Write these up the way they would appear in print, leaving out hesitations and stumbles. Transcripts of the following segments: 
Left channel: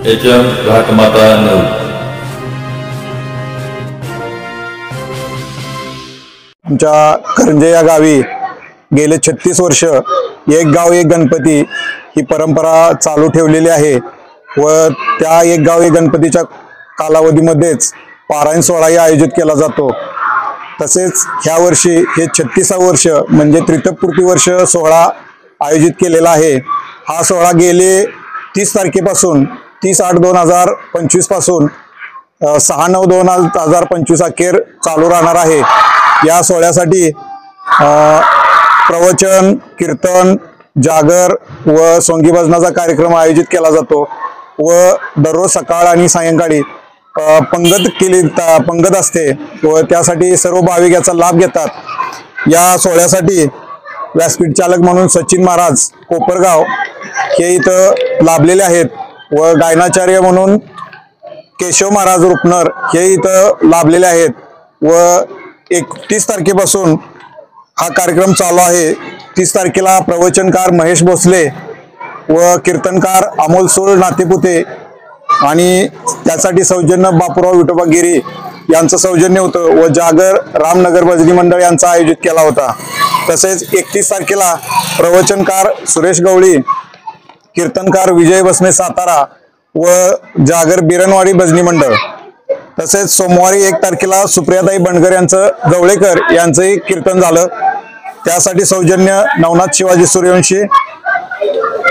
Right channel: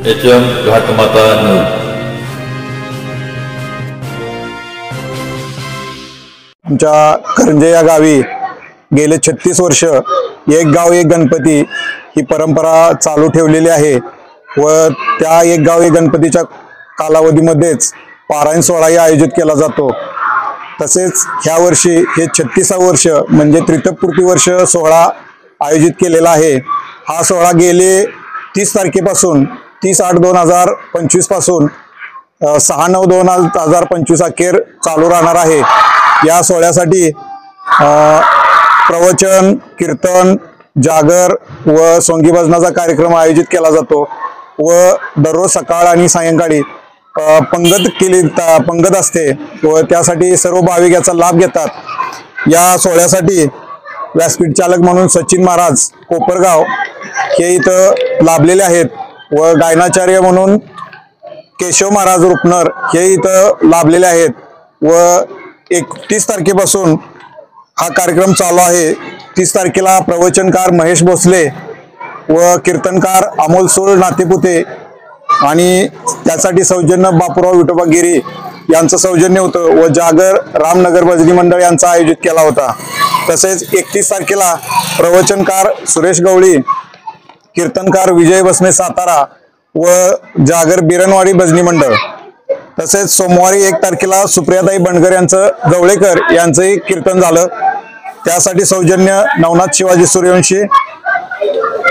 HM घाटमाता नऊ. आमच्या करंजे या गावी गेले 36 वर्ष एक गाव एक गणपती ही परंपरा चालू ठेवलेली आहे व त्या एक गाव एक गणपतीच्या कालावधीमध्येच पारायण सोहळाही आयोजित केला जातो. तसेच ह्या वर्षी हे 36वे वर्ष म्हणजे तृतीयपूर्ती वर्ष सोहळा आयोजित केलेला आहे. हा सोहळा गेले 30 तारखेपासून 30/8/2025 पासून 6/9/2025 अखेर चालू राहणार आहे. या सोहळ्यासाठी प्रवचन, कीर्तन, जागर व सोंगी भजनाचा कार्यक्रम आयोजित केला जातो व दररोज सकाळ आणि सायंकाळी पंगत असते व त्यासाठी सर्व भाविक याचा लाभ घेतात. या सोहळ्यासाठी व्यासपीठ चालक म्हणून सचिन महाराज कोपरगाव हे इथं लाभलेले आहेत व गायनाचार्य म्हणून केशव महाराज रुपनर हे इथं लाभलेले आहेत व 31 तारखेपासून हा कार्यक्रम चालू आहे. 30 तारखेला प्रवचनकार महेश भोसले व कीर्तनकार अमोल सूळ नातेपुते आणि त्यासाठी सौजन्य बापूराव विठोबा गिरी यांचं सौजन्य होतं व जागर रामनगर भजनी मंडळ यांचा आयोजित केला होता. तसेच 31 तारखेला प्रवचनकार सुरेश गवळी, कीर्तनकार विजय बसने सातारा व जागर बिरणवाडी भजनी मंडळ. तसेच सोमवारी 1 तारखेला सुप्रियाताई बंडगर यांचं गवळेकर यांचंही कीर्तन झालं. त्यासाठी सौजन्य नवनाथ शिवाजी सूर्यवंशी.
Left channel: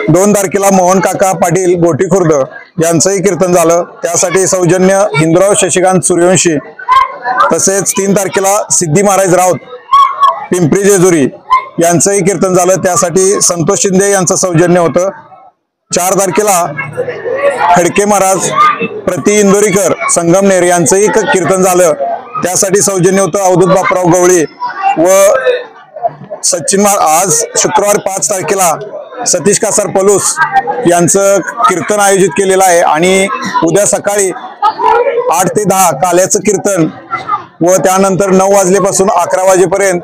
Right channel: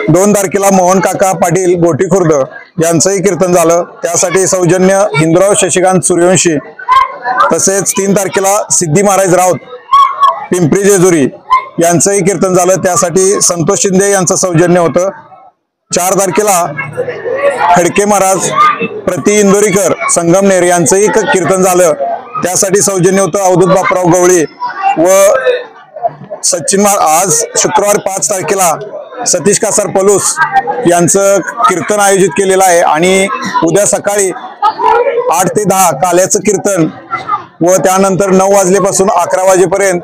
2 तारखेला मोहन काका पाटील गोटी खुर्द यांचंही कीर्तन झालं. त्यासाठी सौजन्य हिंदुराव शशिकांत सूर्यवंशी. तसेच 3 तारखेला सिद्धी महाराज राऊत पिंपरी जेजुरी यांचंही कीर्तन झालं. त्यासाठी संतोष शिंदे यांचं सौजन्य होतं. 4 तारखेला खडके महाराज प्रति इंदोरीकर संगमनेर यांचंही कीर्तन झालं. त्यासाठी सौजन्य होतं अवधूत बापराव गवळी व सचिन. आज शुक्रवार 5 तारखेला सतीश कासार पलूस यांचं कीर्तन आयोजित केलेलं आहे आणि उद्या सकाळी 8 ते 10 काल्याचं कीर्तन व त्यानंतर 9 वाजल्यापासून 11 वाजेपर्यंत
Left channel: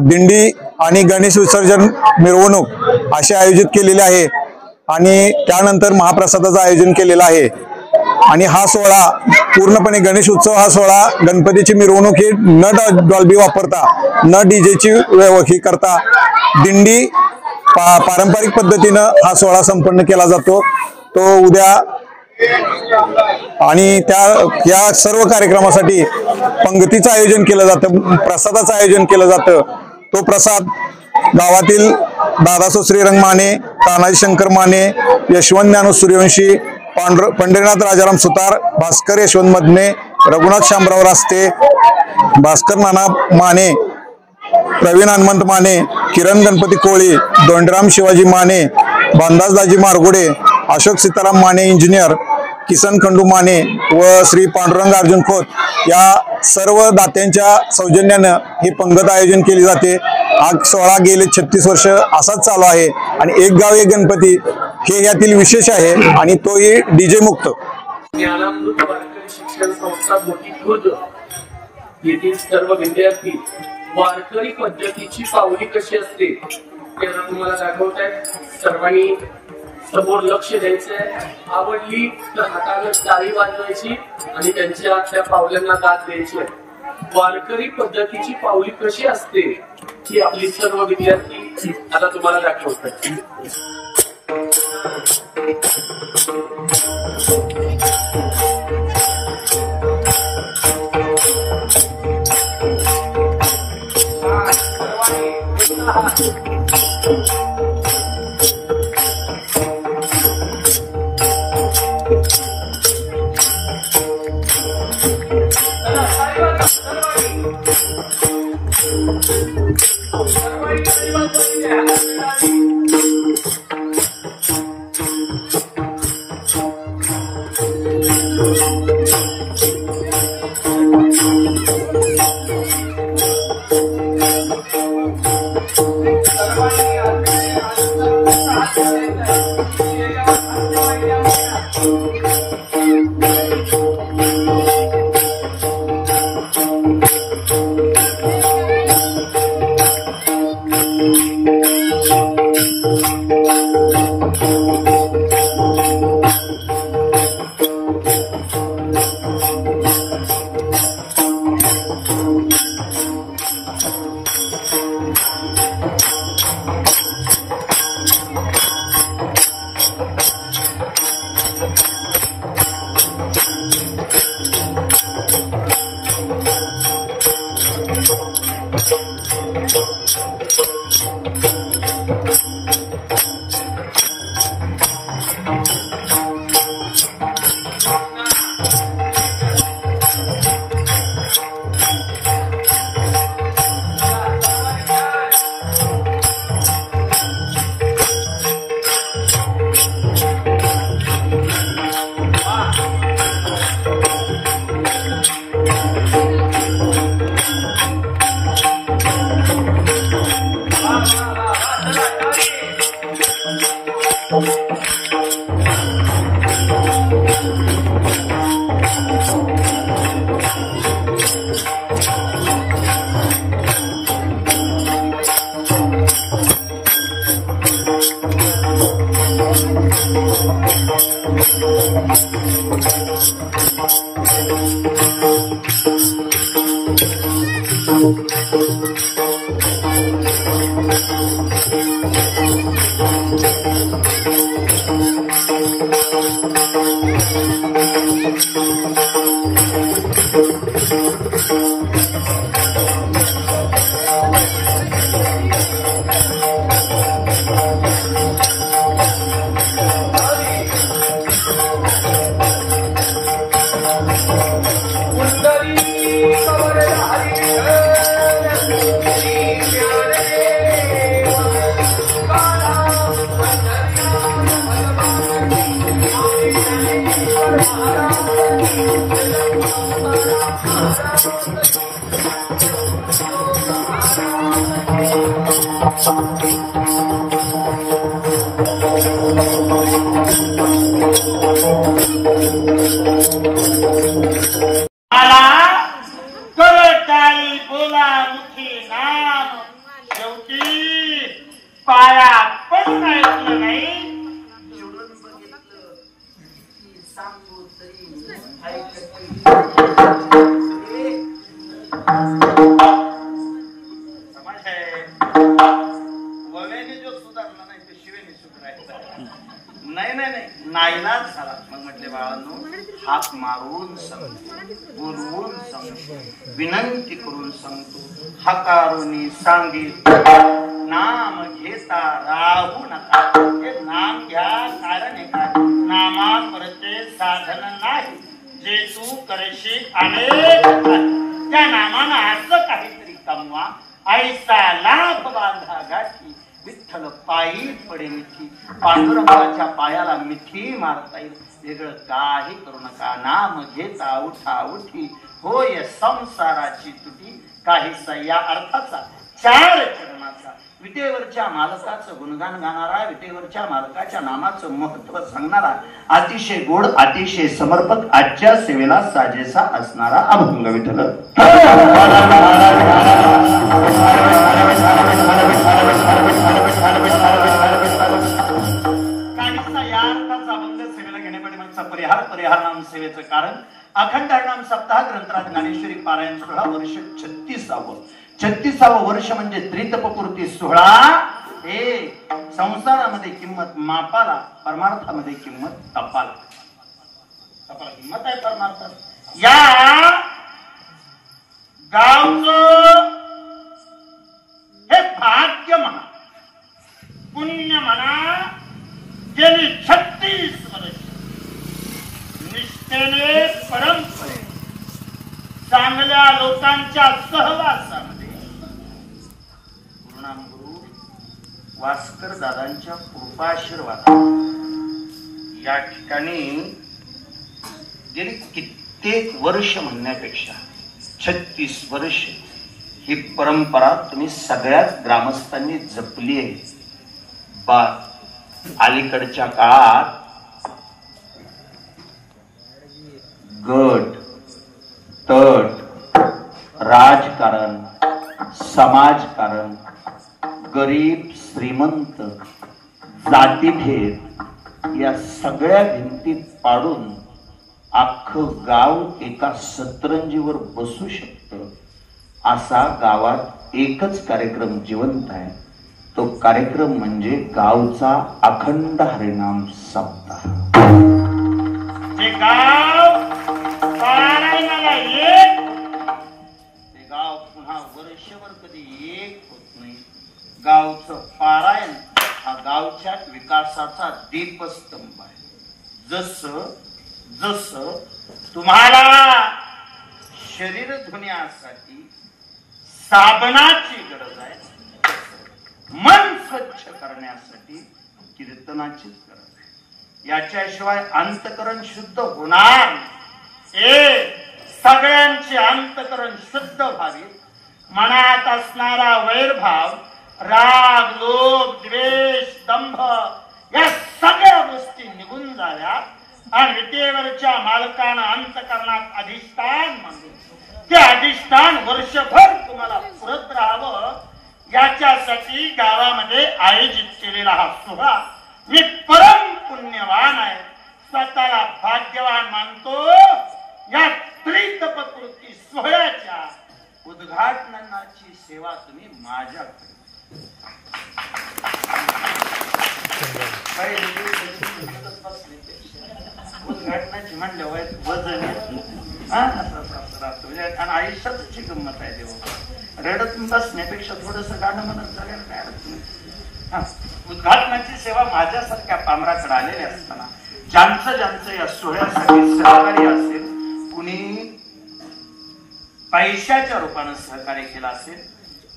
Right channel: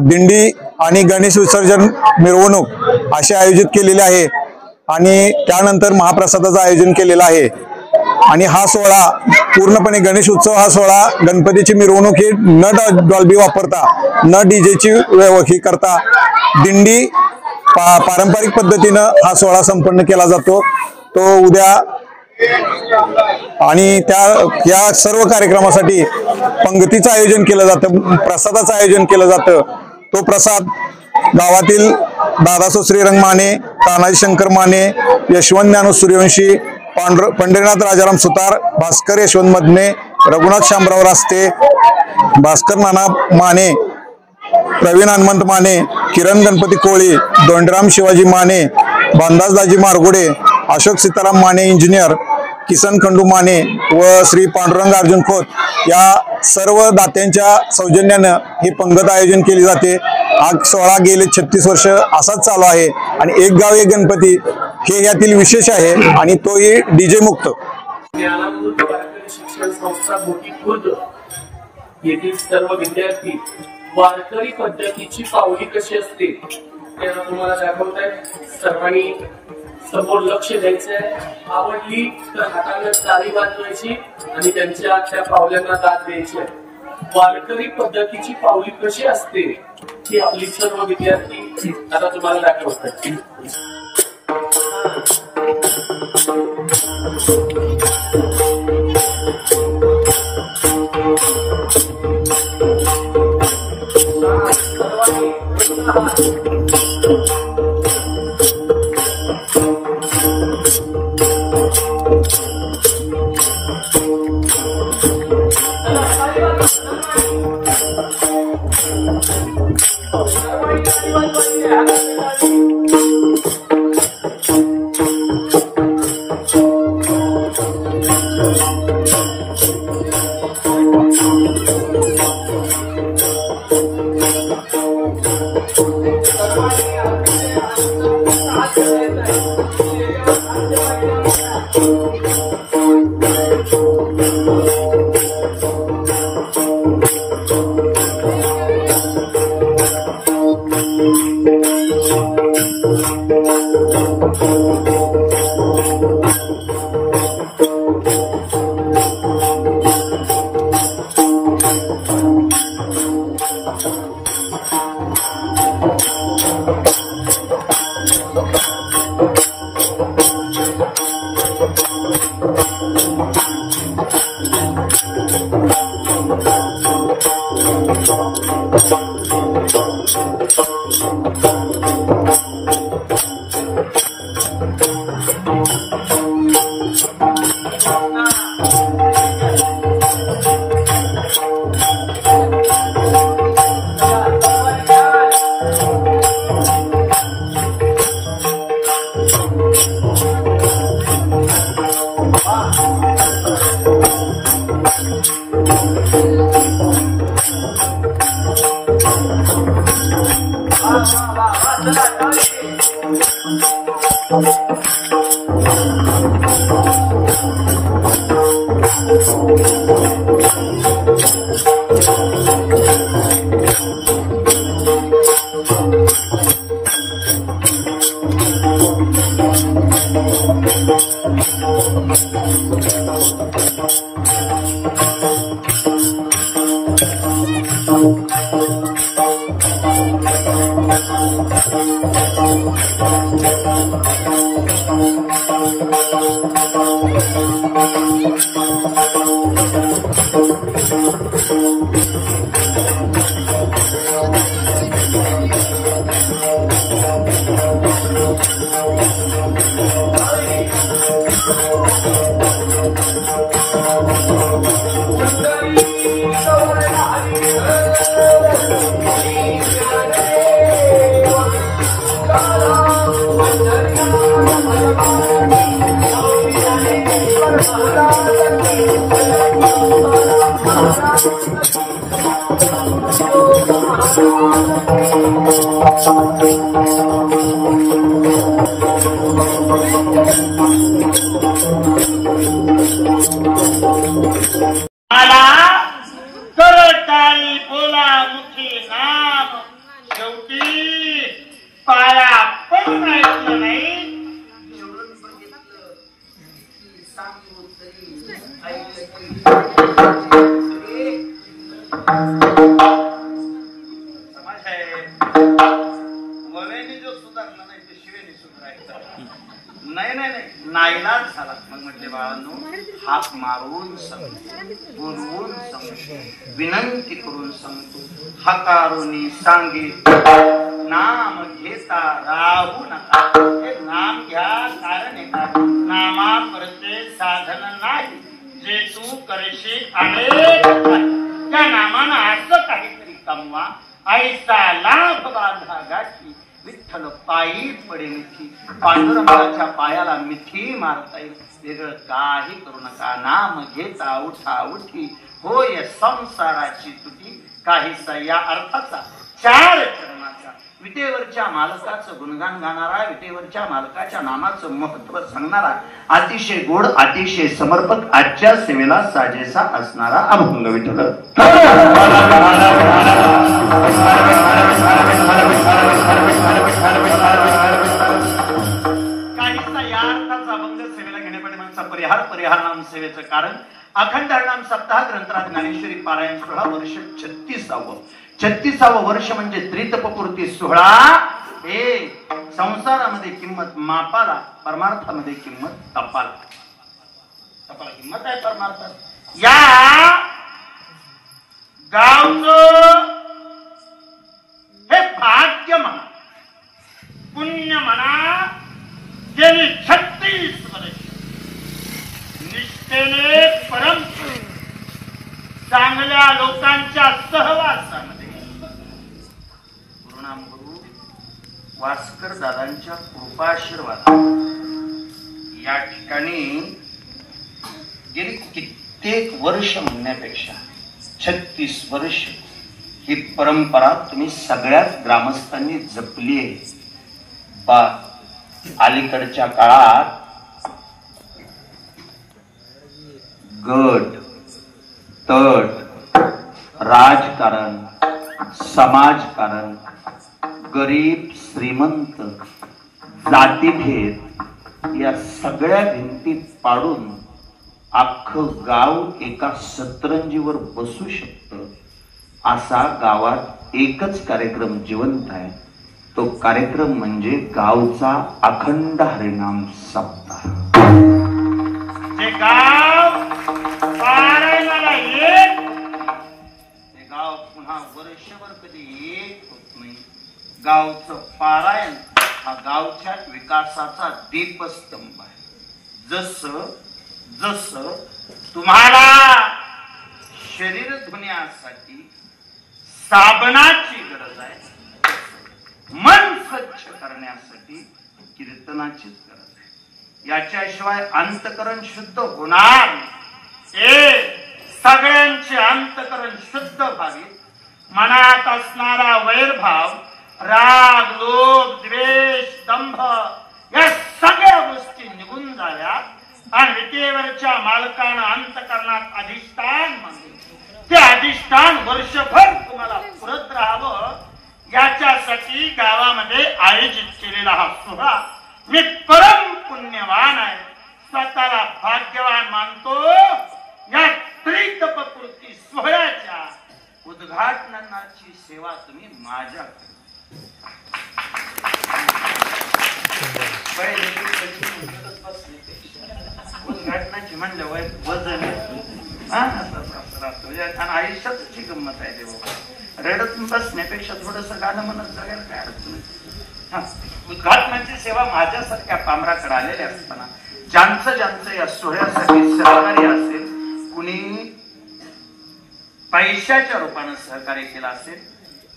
दिंडी आणि गणेश विसर्जन मिरवणूक असे आयोजित केलेले आहे आणि त्यानंतर महाप्रसादाचं आयोजन केलेलं आहे. आणि हा सोहळा पूर्णपणे गणेश उत्सव हा सोहळा गणपतीची मिरवणूक ही न डॉल्बी वापरता न डीजेची ही करता दिंडी पारंपरिक पद्धतीनं हा सोहळा संपन्न केला जातो. तो उद्या आणि या सर्व कार्यक्रमासाठी पंगतीचं आयोजन केलं जातं, प्रसादाचं आयोजन केलं जातं. तो प्रसाद गावातील दादासो श्रीरंग माने, तानाजी शंकर माने, यशवंत ज्ञानू सूर्यवंशी, पंढरीनाथ राजाराम सुतार, भास्कर यशवंत मदने, रघुनाथ शामराव रास्ते, भास्कर नाना माने, प्रवीण हनुमंत माने, किरण गणपती कोळी, दोंडराम शिवाजी माने, भानदास दाजी मारगुडे, अशोक सीताराम माने इंजिनियर, किसन खंडू माने व श्री पांडुरंग अर्जुन खोत या सर्व दात्यांच्या सौजन्यानं ही पंगत आयोजन केली जाते. हा सोहळा गेले 36 वर्ष असाच चालू आहे आणि एक गाव एक गणपती हे यातील विशेष आहे आणि तोही डीजे मुक्त. ज्ञानामृत वारकरी शिक्षण संस्था गोटी खुर्द येथील सर्व विद्यार्थी वारकरी पद्धतीची पावली कशी असते त्याला तुम्हाला दाखवत आहे. सर्वांनी समोर लक्ष द्यायचंय. आवडली तर हाताने टाळी वाजवायची आणि त्यांच्या त्या पावल्यांना दाद द्यायची. वारकरी पद्धतीची पावली कशी असते ही आपली सर्व विद्यार्थी आता तुम्हाला दाखवतात. विनंती करून सांगतो हकारुनी सांगे नाम घेता राहू नका. हे नाम घ्या कारण नामा करते साधन नाही. जे तू करशील अनेक त्या नामानं असं काहीतरी कमवा. ऐसा लाभ बांधा गाठी विठ्ठल पायी पडेल थी. पांडुरंगाच्या पायाला मिठी मारता येईल. वेगळं काही करू नका. नाम घेता उठा उठी होय संसाराची तुटी. काहीसा या अर्थाचा चार चरणाचा विटेवरच्या मालकाचं गुणगान गाणारा, विटेवरच्या मालकाच्या नामाचं महत्व सांगणारा, अतिशय गोड अतिशय समर्पक आजच्या सेवेला साजेसा असणारा अभंग विठ्ठल. काहीसा या अर्थाचा अभंग सेवेला घेण्यापाठीमागचा परिहार नाम सेवेचं कारण अखंड हरिनाम सप्ताह ग्रंथराज ज्ञानेश्वरी पारायण सोहळा वर्ष 36व वर्ष म्हणजे त्रितपपूर्ती सोहळा. हे संसारामध्ये किंमत मापाला, परमार्थामध्ये किंमत तपाला. तपाला किंमत आहे परमार्थात. या गावचं हे भाग्य म्हणा, पुण्य म्हणा, गेली 36 वर्ष निष्ठेने परम चांगल्या लोकांच्या सहवासामध्ये गुरुनामगुरु वास्कर दादांच्या कृपाशीर्वाद या ठिकाणी गेली कित्येक वर्ष म्हणण्यापेक्षा 36 वर्ष ही परंपरा तुम्ही सगळ्याच ग्रामस्थांनी जपली आहे. अलीकडच्या काळात गट तट राजकारण समाजकारण गरीब श्रीमंत जातीभेद या सगळ्या भिंती पाडून अख्खं गाव एका सतरंजीवर बसू शकतं असा गावात एकच कार्यक्रम जिवंत आहे. तो कार्यक्रम म्हणजे गावचा अखंड हरिनाम सप्ताह. जे गाव पारायणाला एक ते गाव पुन्हा वर्षभर कधी एक होत नाही. गावचं पारायण हा गावच्या विकासाचा दीपस्तंभ आहे. जसं जसं तुम्हाला शरीर धुण्यासाठी साबणाची गरज आहे, मन स्वच्छ करण्यासाठी कीर्तनाचीच गरज आहे. याच्याशिवाय अंतकरण शुद्ध होणार नाही. सगळ्यांचे अंतकरण शुद्ध व्हावे, मनात असणारा वैरभाव, राग, लोभ, द्वेष, दंभ या सगळ्या गोष्टी निघून जाव्यात आणि विटेवरच्या मालकानं अंतकरणात अधिष्ठान मानले. ते अधिष्ठान वर्षभर तुम्हाला पुरत राहावं याच्यासाठी गावामध्ये आयोजित केलेला हा सोहळा मी परम पुण्यवान आहे, स्वतःला भाग्यवान मानतो. या त्रितपपूर्ती सोहळ्याच्या उद्घाटनाची सेवा तुम्ही माझ्याकडे उद्घाटनाची म्हणल्यावर वजन आणि आयुष्याची गंमत आहे. देवा रडत बसण्यापेक्षा थोडस गाणं म्हणत जगायला काय अडचण. उद्घाटनाची सेवा माझ्यासारख्या पामराकडे आलेल्या असताना ज्यांचं ज्यांचं या सोहळ्यासाठी सहकार्य असेल, कुणी पैशाच्या रूपानं सहकार्य केलं असेल,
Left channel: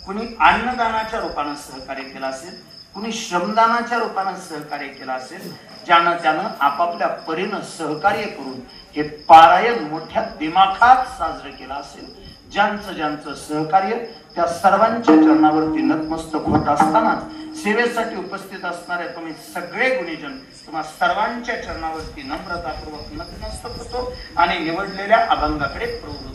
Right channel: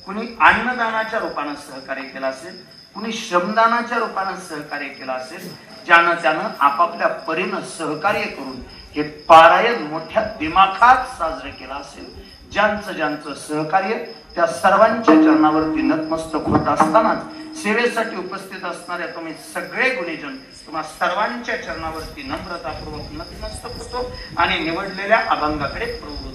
कुणी अन्नदानाच्या रूपानं सहकार्य केलं असेल, कुणी श्रमदानाच्या रूपानं सहकार्य केलं असेल, ज्यानं त्यानं आपापल्या परीनं सहकार्य करून हे पारायण मोठ्या दिमाखात साजरं केलं असेल, ज्यांचं ज्यांचं सहकार्य त्या सर्वांच्या चरणावरती नतमस्तक होत असतानाच सेवेसाठी उपस्थित असणारे तुम्ही सगळे गुणीजन तुम्हा सर्वांच्या चरणावरती नम्रतापूर्वक नतमस्तक होतो आणि निवडलेल्या अभंगाकडे प्रवृत्त.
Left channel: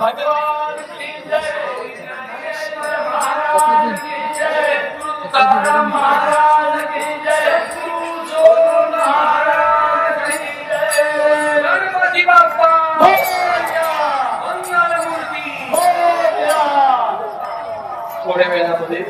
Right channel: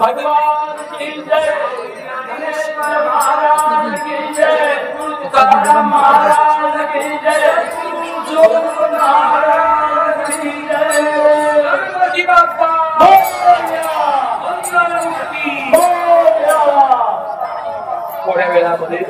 भगवान की जय, गणेश महाराज की जय, तुकाराम महाराज की जय, जोग महाराज की जय, गणपती बाप्पा मोरया, मंगलमूर्ती मोरया. थोड्या वेळामध्ये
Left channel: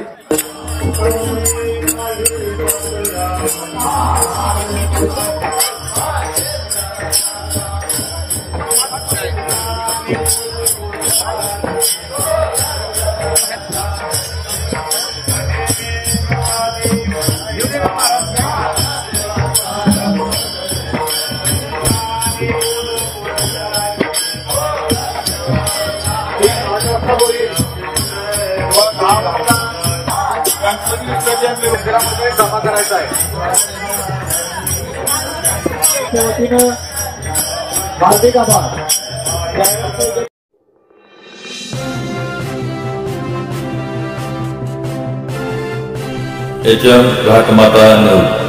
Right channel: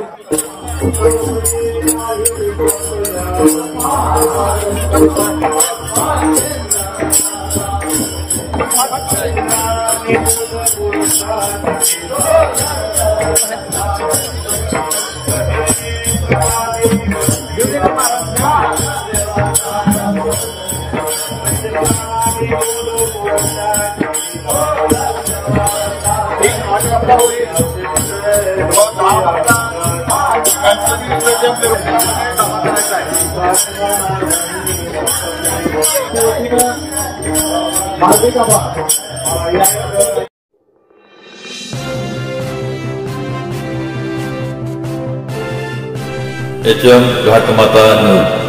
HM घाटमाता 9